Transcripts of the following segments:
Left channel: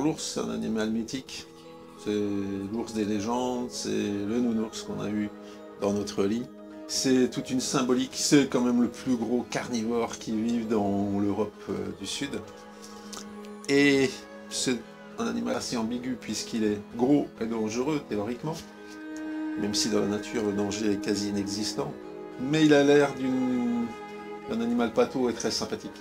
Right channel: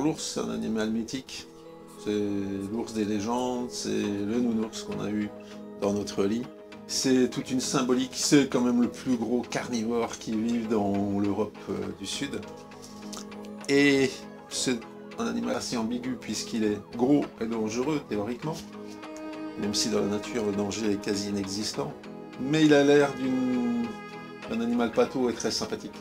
Alors l'ours, c'est un animal mythique. C'est l'ours des légendes, c'est le nounours qu'on a eu dans notre lit. C'est toute une symbolique, c'est quand même le plus gros carnivore qui vit dans l'Europe du Sud. Et c'est un animal assez ambigu puisqu'il est gros et dangereux théoriquement, même si dans la nature le danger est quasi inexistant. Mais il a l'air d'un animal pâteau et très sympathique.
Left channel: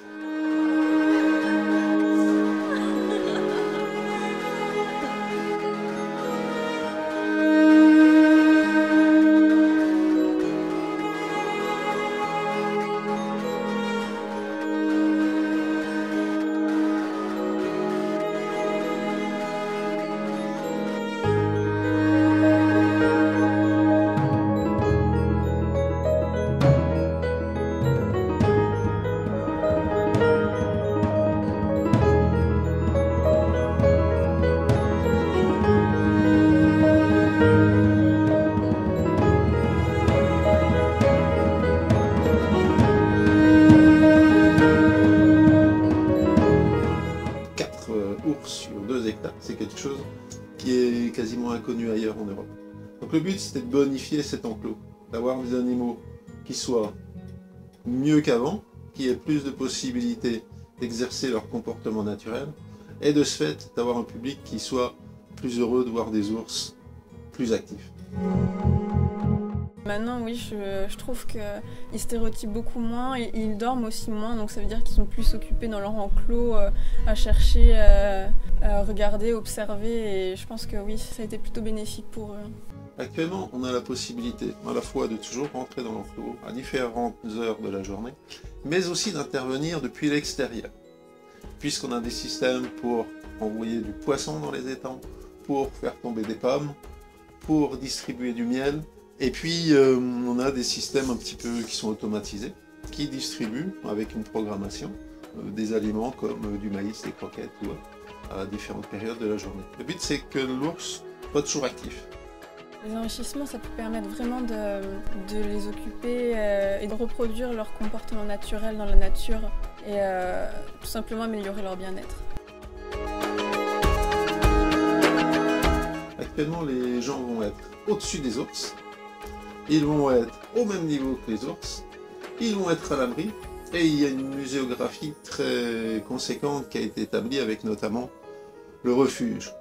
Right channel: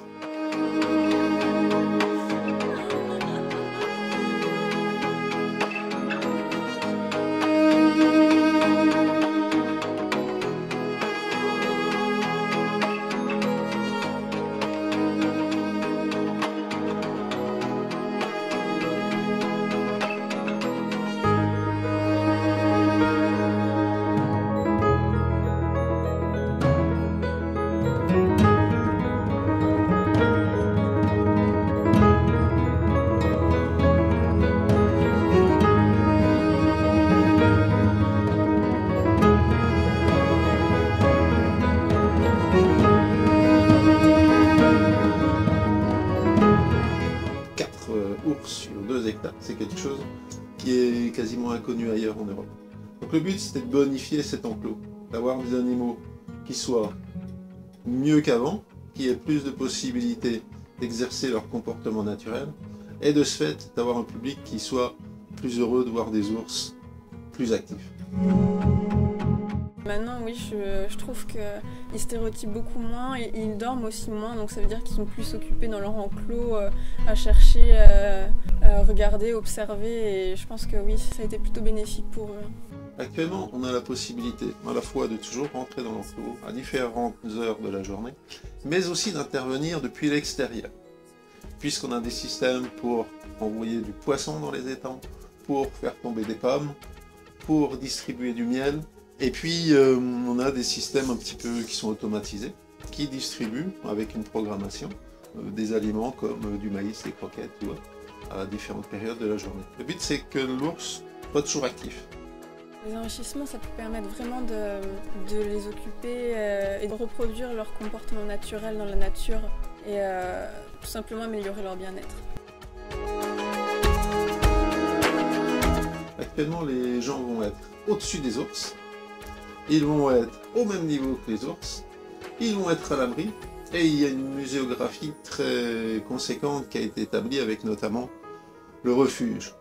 Ours sur 2 hectares, c'est quelque chose qui est quasiment inconnu ailleurs en Europe. Donc le but c'était de bonifier cet enclos, d'avoir des animaux qui soient mieux qu'avant, qui aient plus de possibilités d'exercer leur comportement naturel, et de ce fait d'avoir un public qui soit plus heureux de voir des ours plus actifs. Maintenant, oui, je trouve qu'ils stéréotypent beaucoup moins et ils dorment aussi moins, donc ça veut dire qu'ils sont plus occupés dans leur enclos à chercher, à regarder, observer, et je pense que oui, ça a été plutôt bénéfique pour eux. Actuellement, on a la possibilité à la fois de toujours rentrer dans l'enclos à différentes heures de la journée, mais aussi d'intervenir depuis l'extérieur, puisqu'on a des systèmes pour envoyer du poisson dans les étangs, pour faire tomber des pommes, pour distribuer du miel. Et puis, on a des systèmes un petit peu qui sont automatisés, qui distribuent, avec une programmation, des aliments comme du maïs, des croquettes, ou à différentes périodes de la journée. Le but, c'est que l'ours soit toujours actif. Les enrichissements, ça peut permettre vraiment de les occuper et de reproduire leur comportement naturel dans la nature et tout simplement améliorer leur bien-être. Actuellement, les gens vont être au-dessus des ours. Ils vont être au même niveau que les ours, ils vont être à l'abri, et il y a une muséographie très conséquente qui a été établie avec notamment le refuge.